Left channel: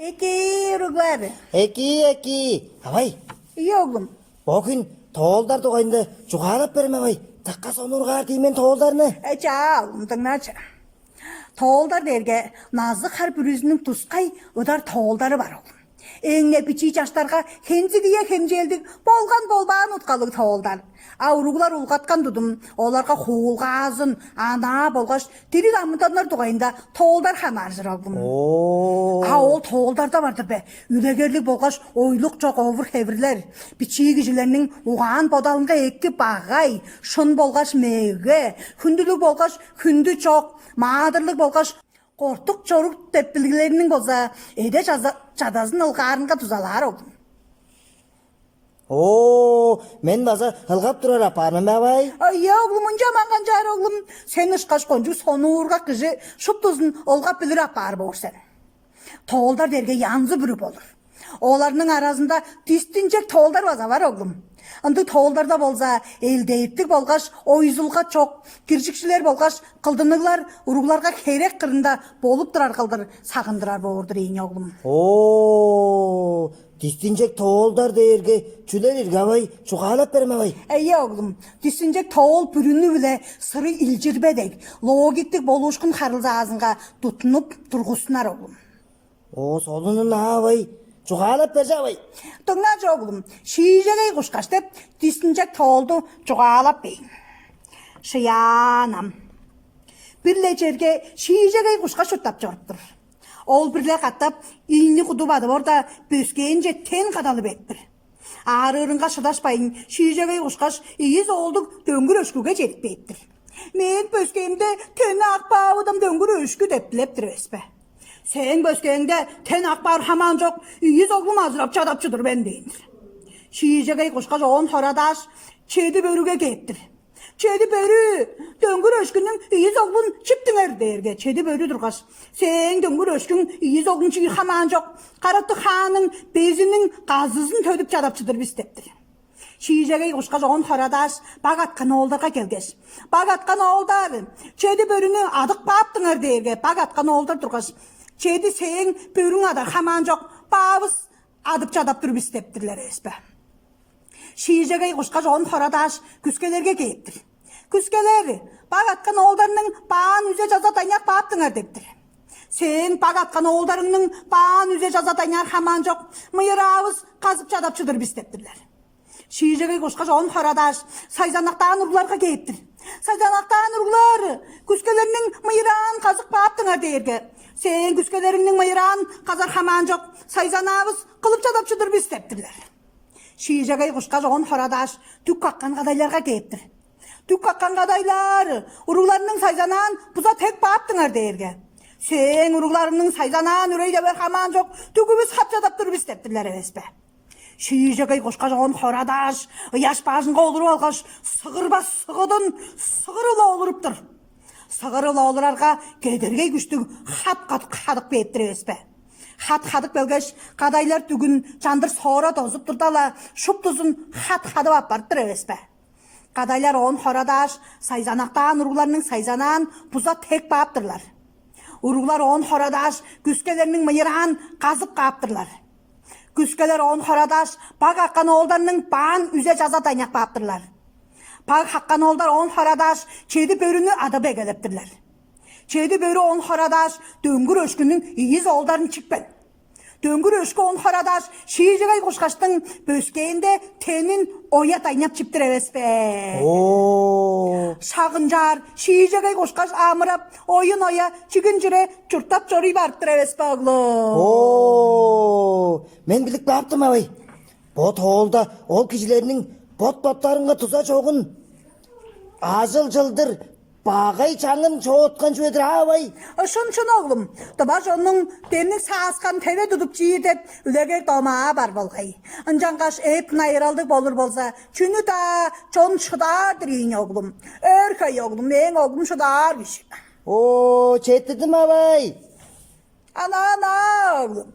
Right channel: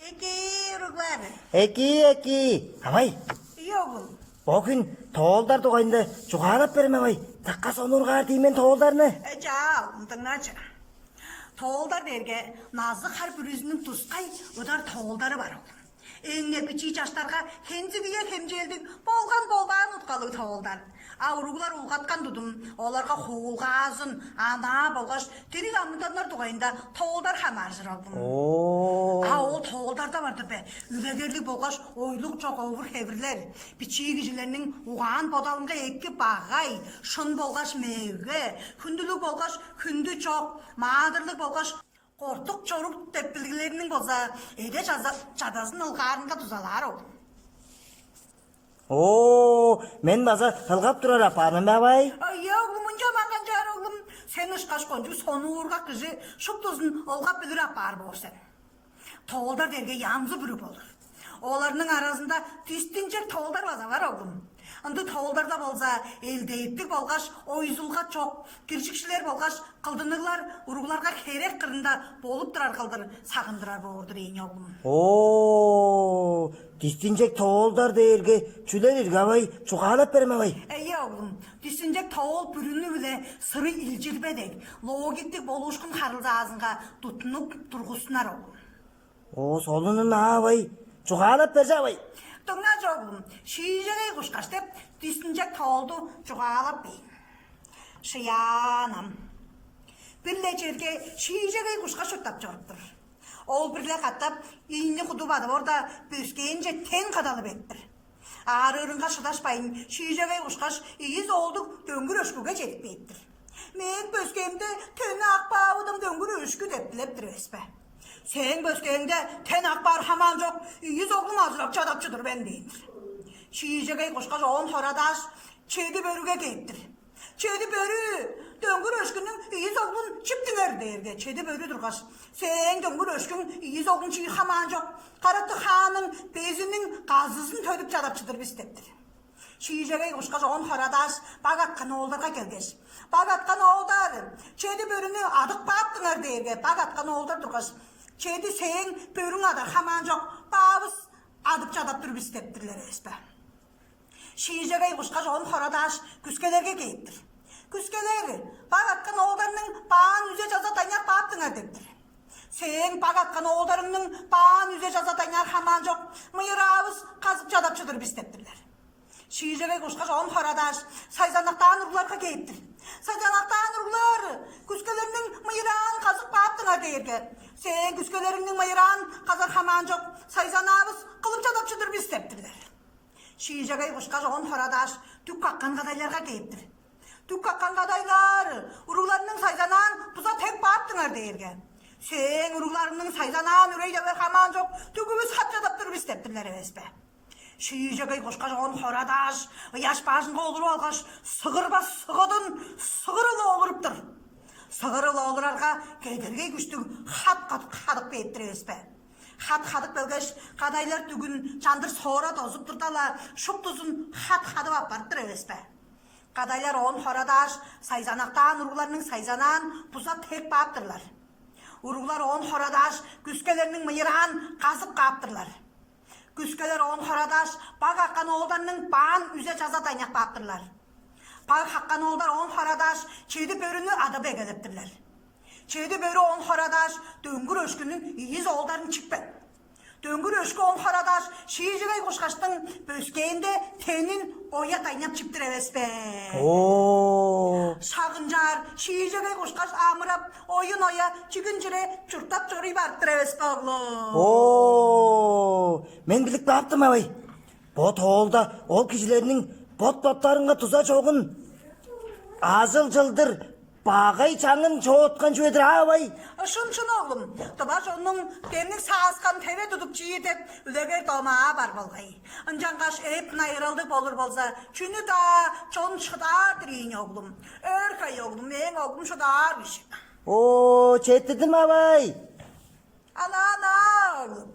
Eki uruglar. Eki. Abay, İyi oğlum. bugün toğulдар doğayında çoğalap berme abay. Takka sonurgar deymen toğuldarını. Eca oğlum tыңnaçı. Тоолдар дерге назы қар бүрізінің тұсқай өдар тоолдары бар оğlum. Эңне бичи жаштарға хензи дие хемжелдік болған болбаған ұтқалы тоолдар. Ауруғлар ұлғатқан дудым, оларға хуылғазын, ана болғаш, тері дамыданлар туғайында тоолдар хамаржыр оğlum. Ол тоолдарда барды бе, үлегерлік болғаш ойлық жоқ овыр хевірлер. Бичи кижілерінің уған бодалынға екті бағай, шын болғаш меге, күнділік болғаш күнді жоқ, мадырлық болғаш қортық чорық теппілгілерінің болса, еде жадазын ылғарынға тұзалар оғлым. Мен база ылғап тұрар апаным абай. Ая оğlum, мұнша маған жар оğlum. Сен ұшқаш қонжу соны ұрға кіжі шұптызын олғап білір апар боғыр сен. Тоğulдар дерге янзы бүрі болыр. Оларының арасында тістінчек тоğulдар база бар оğlum. Анды тоğulдарда болса, елдейттік болғаш, ойзылға чоқ, кіршікшілер болғаш, қылдынығылар, ұрғыларға керек қырында болып тұрар қылдыр, сағындырар болырдыр ең оğlum. Дистинчек тоğulдар дерге чүлер ирге абай, çoğalap берме абай. Әйе оğlum, тістінчек тоğul бүріні біле сыры илжірбедек, логиктік болушқын қарылза азынға тұтынып тұрғысынар оğlum. Солының абай, çoğalap берсе абай. Тыңнаш оğlum, шиижегей құшқаш деп, тістінчек тоğulду çoğalap бейін. Шиянам. Бірле жерге шиижегей құшқаш ұттап жоғыптыр. Ол бірле қаттап, иінні құды бады орда бөскейін жеттен қадалы беттір. Ары ұрынға шыдашпайын, шиижегей құшқаш иіз олдық дөңгір өшкіге жетіп беттір. Мен бөскейімде тені ақпауыдым дөңгір өшкі деп білептір өспе. Сен бөскейіңде тен ақпар хаман жоқ, иіз оғлым азырап чадапчыдыр бен дейінір. Шиижегей құшқаш оғын торадаш, чеді бөріге кеттір. Чеді бөрі, дөңгір өшкінің иіз оғлын чіптіңер дерге, чеді бөрі тұрғаш. Сен дөңгір өшкін иіз оғлын чиі хаман жоқ, қаратты қаның безінің қазызын төдіп чадапчыдыр бістептір. Шиижегей құшқаш оғын торадаш, бағатқан оғылдарға келгеш. Бағатқан оғылдар, чеді бөріні адық баптыңер дерге, бағатқан оғылдар тұрғаш. Чеді сен бөрің адар хаман жоқ, бабыз адып чадап тұрып істептірлер еспе. Шиижегей құшқа жоғын торадаш күскелерге кейттір. Күскелер, баг атқан оғылдарының баған үзе жаза тайнақ баптыңар дептір. Сен баг атқан оғылдарының баған үзе жаза тайнақ хаман жоқ, мұйыр ауыз қазып чадапчыдыр бістептірлер. Шиижегей құшқа жоғын торадаш сайзанақтаған ұрғыларға кейттір. Сайзанақтаған ұрғылар, күскелерінің мұйыран қазық баптыңар дерге. Сен күскелеріңнің мұйыран қазар хаман жоқ, сайзанағыз қылып чадапчыдыр бістептірлер. Шиижегей құшқа жоғын торадаш түк қаққан қадайларға кейттір. Түк қаққан қадайлар, ұрғыларының сайзанан бұза тек баптыңар дерге. Сен ұрғыларының сайзанан үрейде бер хаман жоқ, түгібіз хат чадаптыр бістептірлер еспе. Шиижегей құшқа жоғын торадаш, ұяш бажынға олыру алғаш, сығырбас сығыдын сығырылы олырыптыр. Сығырылы олырарға кедергей күштің хат-қадық беттір еспе. Хат-қадық белгеш, қадайлар түгін жандыр сора тозып тұрдала, шұп тұзын хат-қадып апарттыр еспе. Қадайлар оғын торадаш, сайзанақтаған ұрғыларының сайзанан бұза тек баптырлар. Ұрғылар оғын торадаш, күскелерінің мыйыран қазып қаптырлар. Күскелер оғын торадаш, баг аққан оғылдарының баған үзе жаза тайнақ баптырлар. Баг аққан оғылдар оғын торадаш, чеді бөріні ады бегелептірлер. Чеді бөрі оғын торадаш, дөңгір өшкінің иіз оғылдарын чікпен. Дөңгір өшкі оғын торадаш, шиижегей құшқаштың бөскейінде тенін оя тайнап чіптір евеспе. Шағынжар, шиижегей құшқаш амырап, ойын оя чігін жүре чұртап жори барттыр евеспе оғлы. Мен білік баптым абай. Бот оғылда ол кішілерінің бот-боттарынға тұза жоғын. Азыл жылдыр бағай чаңын çoğutқан жөдір абай. Шын оғлым, тұбаш оның деннің саасқан тәве тұдып жиі деп үлегер домаға бар болғай. Анжанғаш әп найыралды болыр болса, чүні да чон шыдар дірейін оғлым. Өркай оғлым, мен оғлым шыдар күші. Четдідім абай. Ана оғлым.